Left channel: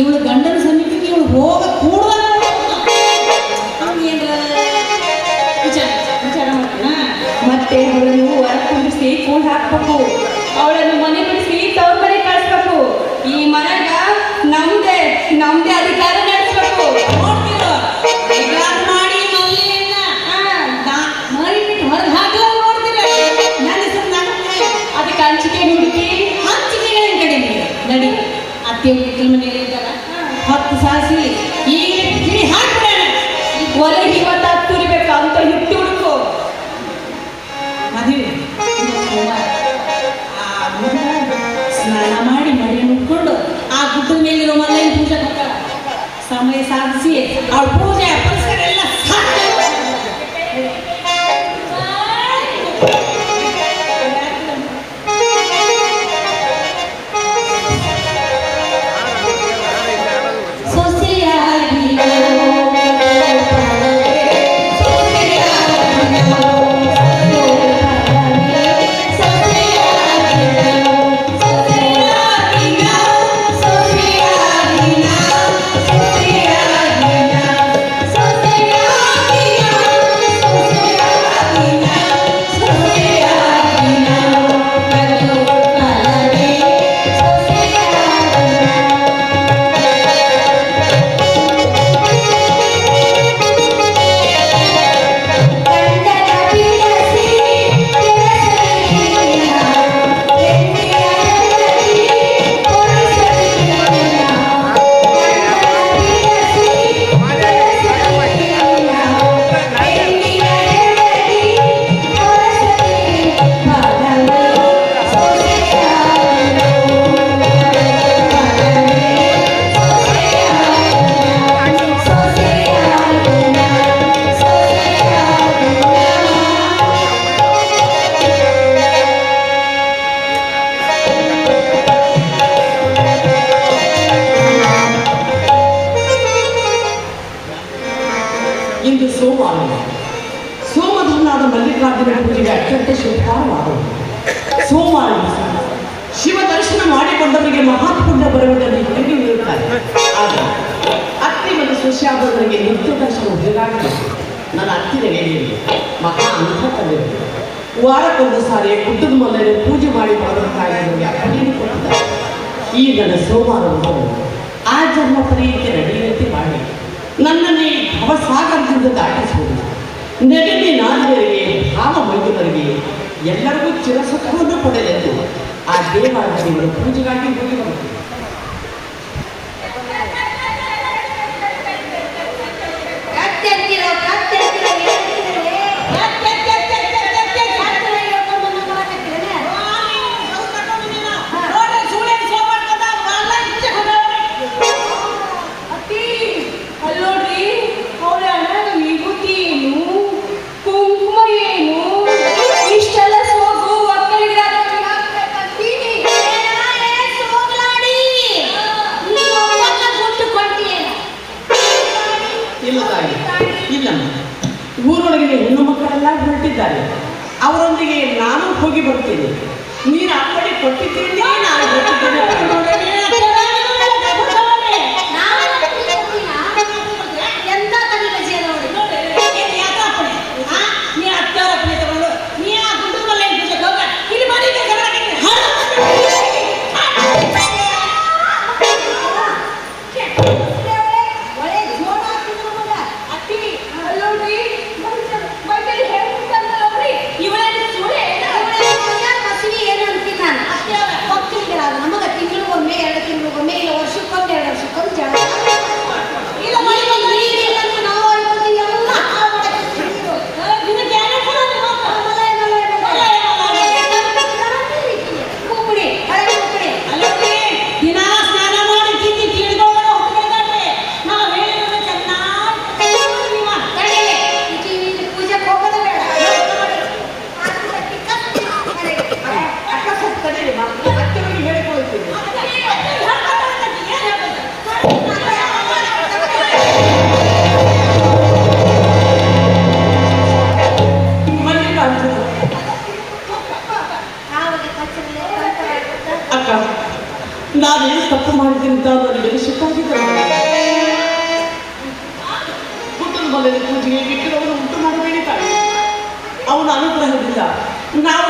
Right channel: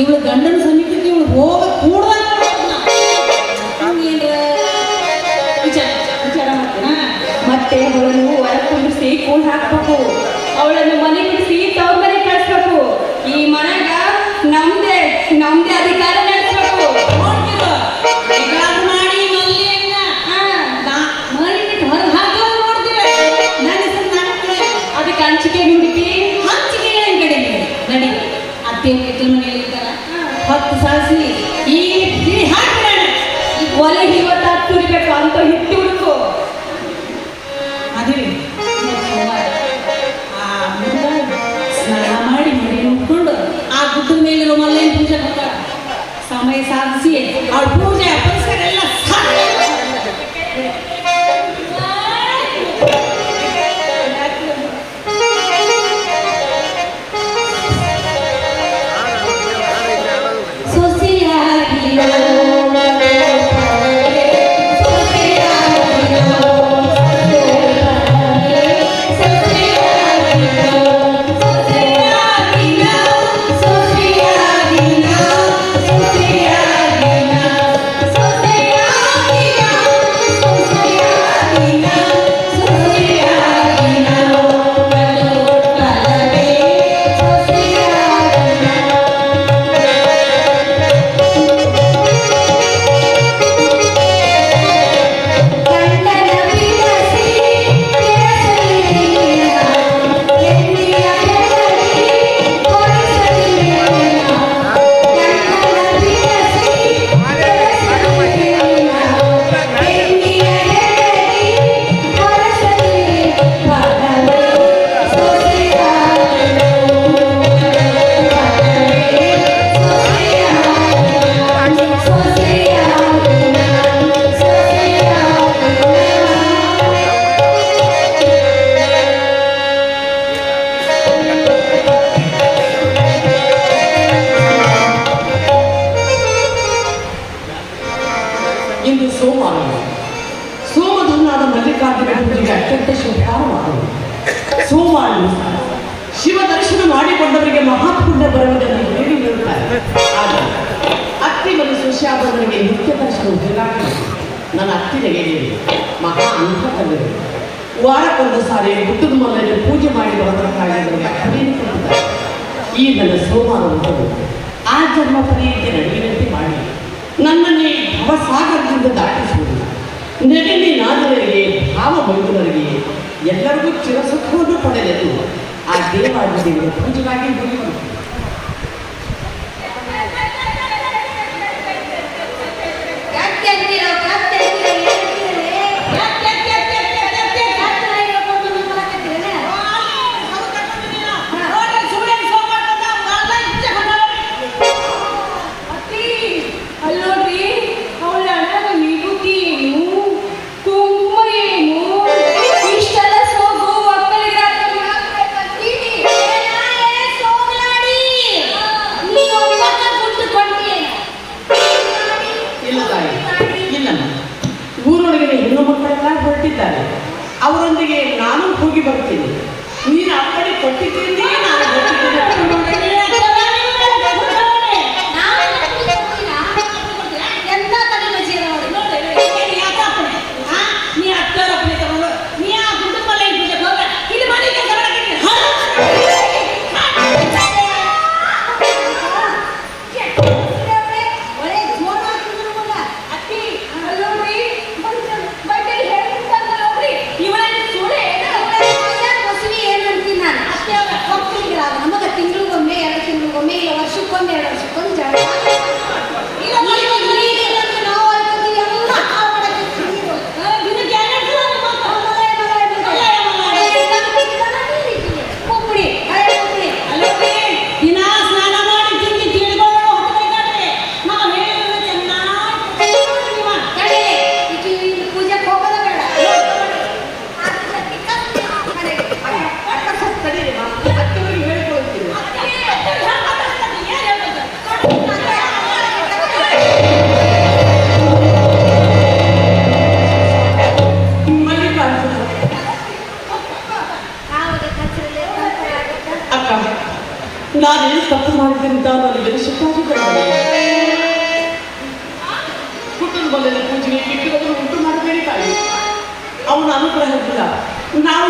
ಇವಳು ಗಂಡನ ಸಮೀಪಕ್ಕೆ ಇವಳು ಹೋಗ ಕೂಡಲ ಮತ್ತೆ ಅವಳನ್ನು ಹೊರಕೊಂಡು ಸೇರ್ಕೊಂಡು ಹಾಕ್ಬೇಕು, ಅವಳನ್ನು ಮನೆ ಬಿಡಿಸಿ ತವ್ರ ಮನೆ ಕಳಿಸ್ಬೇಕು. ಈ ಮನೆಗ ನಮ್ದೇ ನಮ್ದೇ ಅಧಿಕಾರ ನಡೆಸ್ಬೇಕು. ಅದಕ್ಕೆ ಹಂಚಿಕೆ ನುಡಿಕೆ ಹಂಚಿಕೆ ಕಡೆ ನಡಿ ಅತ್ತೆ ಮನೆಯಲ್ಲಿ ಇದ್ದಾರ 10 ಸಾಸಿ ಈ ಹಾಕಿ ಒಲೆ ಇವತ್ತು ತುರಿಬೇಕು ಅಂತ ಹಿಟ್ಟು ಹುಡುಕು. ಅದೇ ಸ್ನಾನ ಮಾಡಿ ಮಡಿ ಮುಟ್ಕೊಂಡು ಆ ಗುಡ್ಡದ ಮೇಲೆ ಮಲ್ಲೇನ ಪೂಜೆ ಮಾಡ್ತಾರ. ಸಮಯ ಸಾಧಿಸಿ ಅವಳ ಪೂಜೆ ಪರಿಸರ ಎಲ್ಲ ಇಂದು ಸೋಮವಾರ. ಸೋಮಧನಾದ ಮಲ್ಲಿಕಾರ್ಜುನ ಪೂಜೆಗೆ ಅತ್ಯಂತ ಶುಭವಾರವಾಗುವುದು. ಸೋಮವಾರ ಶಿವ ದರ್ಶನ ಮಾಡಿಕೊಂಡವರಿಗೆ ಮಹಾಪುಣ್ಯ ಬರುವುದನ್ನು ಹೇಳುತ್ತಾರೆ. ಆದರೆ ಅತ್ತಿ ಮತ್ತು ಸೊಸೆಯಾದವರಿಗೆ ನಿತ್ಯ ದರ್ಶನ ಉಪಯೋಗ. ನನ್ನ ಅತ್ತಿಗೆ ಮಹಾ ಅಂತಕ್ಕಂದಿರು ವಾರಕ್ಕೊಂದು ಸಾರಿ ಗುಡ್ಡದ ಮೂಲೆಯಲ್ಲಿ ಪೂಜೆ ಮಾಡಿ ಬರಬೇಕಾಗಿ ಅಪ್ಪನಿಗೆ ಕೊಟ್ಟಿದ್ದಾರೆ. ಈ ನನ್ನ ಸೋಮವಾರ ಉಂಟು ಆ ಜನ್ಮ ಪರೀಕ್ಷೆ ನಡೆಯುವಂತೆ ಮಾಡಿ ನನ್ನನ್ನೇ ಭವಸಾಗರದಿಂದ ದಾಟಿಸುವುದು. ನೆಗಡಿ ನಾದವರಿಗೆ ಭಾವ ಮೈದುವರಿಗೆ ಎಲ್ಲರಿಗೂ ಚಿರಸುಖವನ್ನು ಪಡೆಯಲು ಆ ದೇವಾಲಯದ ಪೂಜೆಗಾಗಿ ಹೋಗಿ ಬರ್ತೀವಿ. ಸೋಗ್ಲಾಡಿ ನಾನೇನು ತಪ್ಪು ಮಾಡಿದ್ರಿಂದ ನನಗೆ ಸುತ್ತಾಗಿದ್ದಾರೆ. ಕುಟುಂಬದಲ್ಲಿ ಪೂಜೆಗೆ ಬಿಟ್ಟು ಉಂಟು ಮಾಡಬೇಡಿ ತಾಯಿ. ಅವನ ಅನುಗ್ರಹದಿಂದ ನಾವು